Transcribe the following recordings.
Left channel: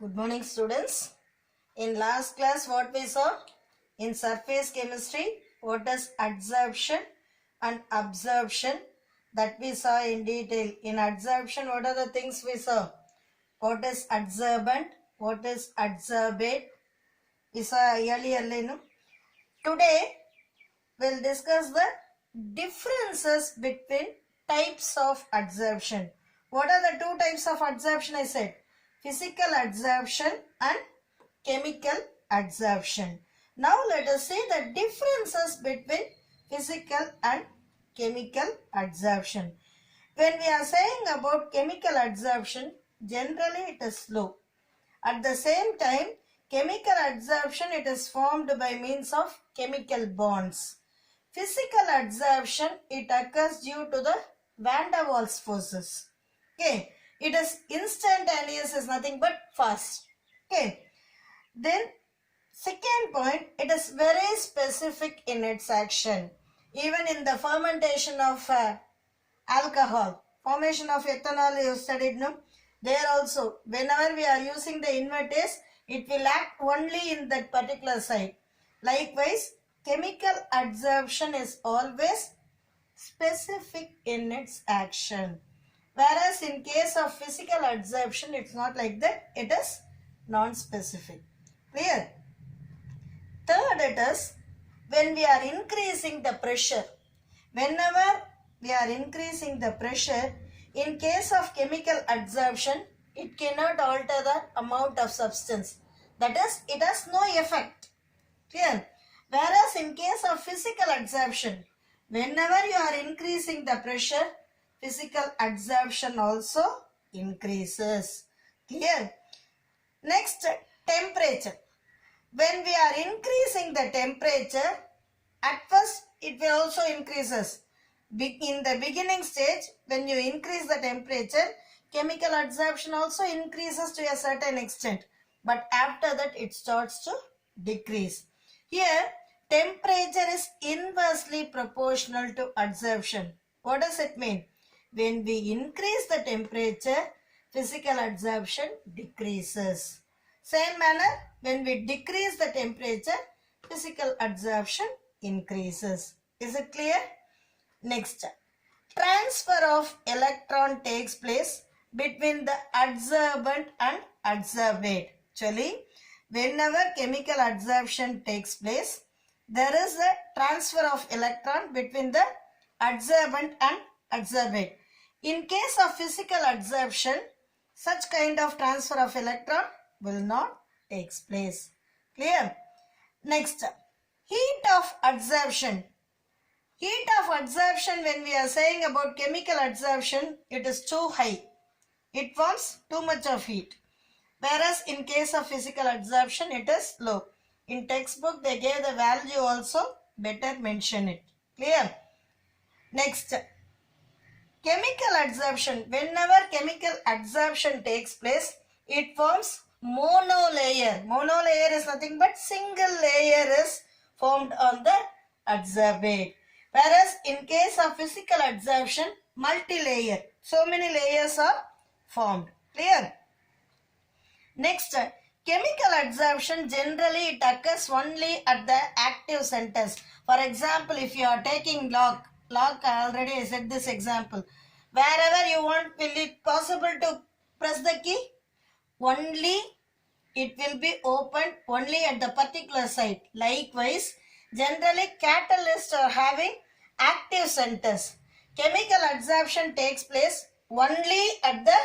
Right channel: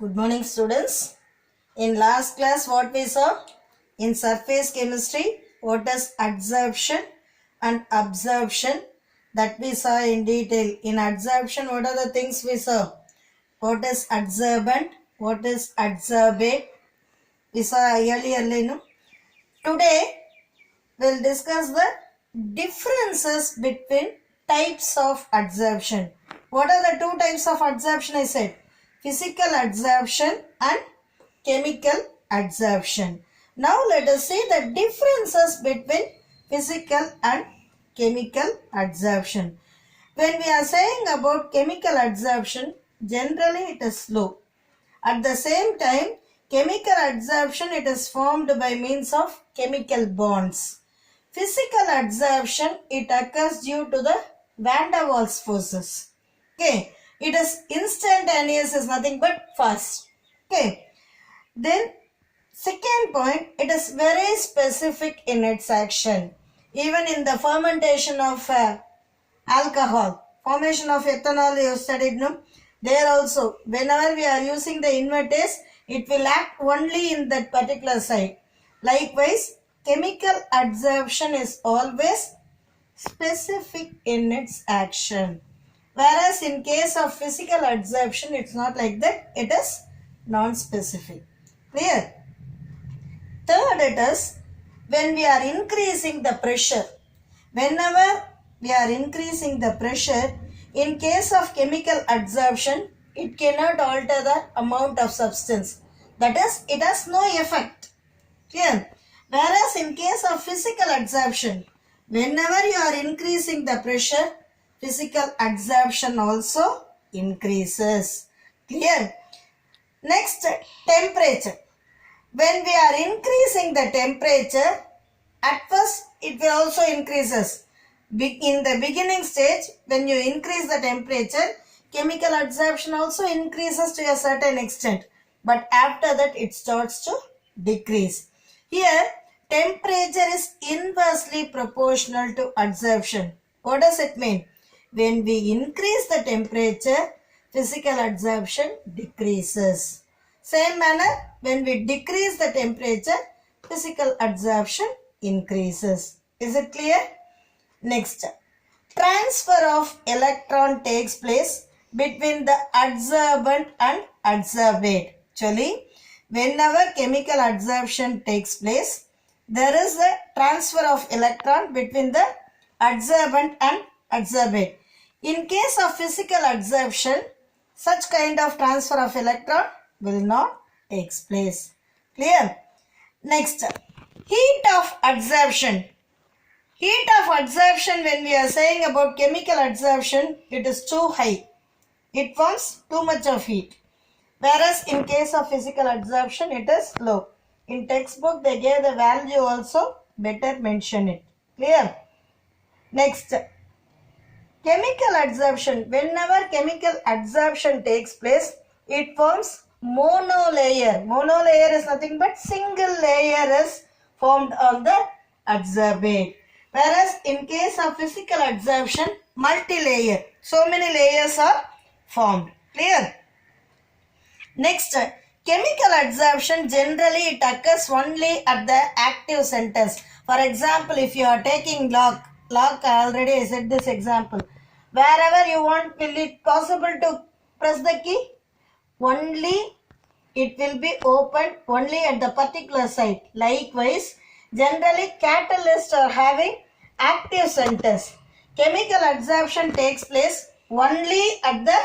Good morning, students. In last class, what we saw? In surface chemistry, what is adsorption and absorption? That we saw in detail. In adsorption, what are the things we saw? What is adsorbent? What is adsorbate? We saw earlier, no? Today, we'll discuss the differences between types of adsorption. What are the two types of adsorption I said? Physical adsorption and chemical adsorption. Now let us see the differences between physical and chemical adsorption. When we are saying about chemical adsorption, generally it is slow. At the same time, chemical adsorption, it is formed by means of chemical bonds. Physical adsorption, it occurs due to the van der Waals forces. Okay, it is instantaneous, is nothing but fast. Okay, then second point, it is very specific in its action. Even in the fermentation of alcohol, formation of ethanol you studied, no? There also, whenever we are using the invertase, it will act only in that particular site. Likewise, chemical adsorption is always specific in its action. Whereas in case of physical adsorption, it's not like that. It is non-specific. Clear? Third, it is when we are increasing the pressure. Whenever we are increasing the pressure, in case of chemical adsorption, it cannot alter the amount of substance. That is, it has no effect. Clear? Whereas in case of physical adsorption, whenever you are increasing the pressure, physical adsorption also increases. Clear? Next, temperature. When we are increasing the temperature, at first it will also increases. In the beginning stage, when you increase the temperature, chemical adsorption also increases to a certain extent. But after that, it starts to decrease. Here, temperature is inversely proportional to adsorption. What does it mean? When we increase the temperature, physical adsorption decreases. Same manner, when we decrease the temperature, physical adsorption increases. Is it clear? Next, transfer of electron takes place between the adsorbent and adsorbate. Actually, whenever chemical adsorption takes place, there is a transfer of electron between the adsorbent and adsorbate. In case of physical adsorption, such kind of transfer of electron will not take place. Clear? Next, heat of adsorption. Heat of adsorption, when we are saying about chemical adsorption, it is too high. It forms too much of heat. Whereas in case of physical adsorption, it is low. In textbook, they gave the value also, better mention it. Clear? Next, chemical adsorption. Whenever chemical adsorption takes place, it forms monolayer. Monolayer is nothing but single layer is formed on the adsorbate. Whereas in case of physical adsorption, multi-layer. So many layers are formed. Clear? Next, chemical adsorption, generally it occurs only at the active centers. For example, if you are taking lock, already I said this example. Wherever you want, will it possible to press the key? Only it will be opened only at the particular site. Likewise, generally catalysts are having active centers. Chemical adsorption takes place only at the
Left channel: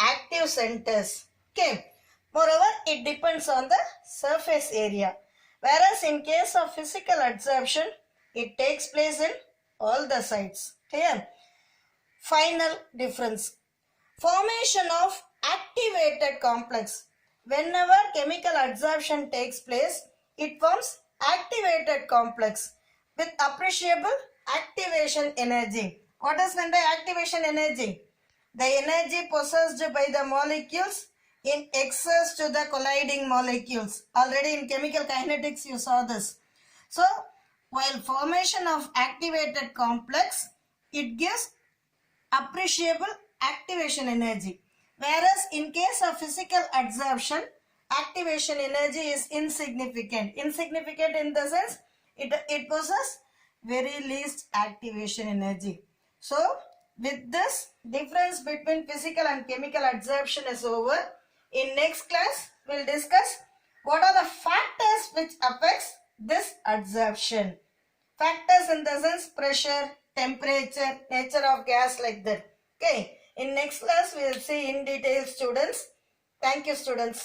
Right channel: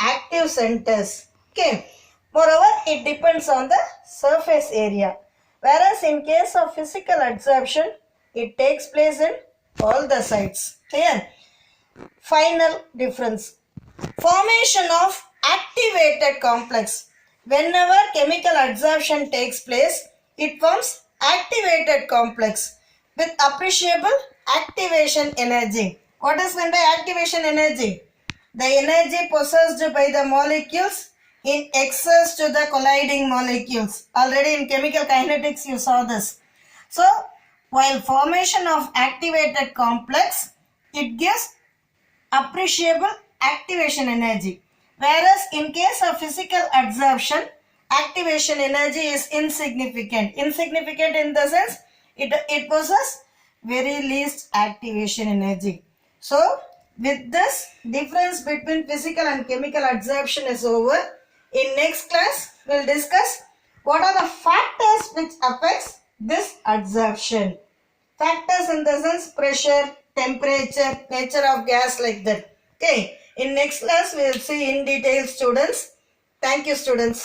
active centers. Okay. Moreover, it depends on the surface area. Whereas in case of physical adsorption, it takes place in all the sites. Clear? Final difference. Formation of activated complex. Whenever chemical adsorption takes place, it forms activated complex with appreciable activation energy. What is meant by activation energy? The energy possessed by the molecules in excess to the colliding molecules. Already in chemical kinetics you saw this. So, while formation of activated complex, it gives appreciable activation energy. Whereas in case of physical adsorption, activation energy is insignificant. Insignificant in the sense it possesses very least activation energy. So with this, difference between physical and chemical adsorption is over. In next class, we'll discuss what are the factors which affects this adsorption. Factors in the sense pressure, temperature, nature of gas, like that. Okay. In next class, we will see in detail, students. Thank you, students.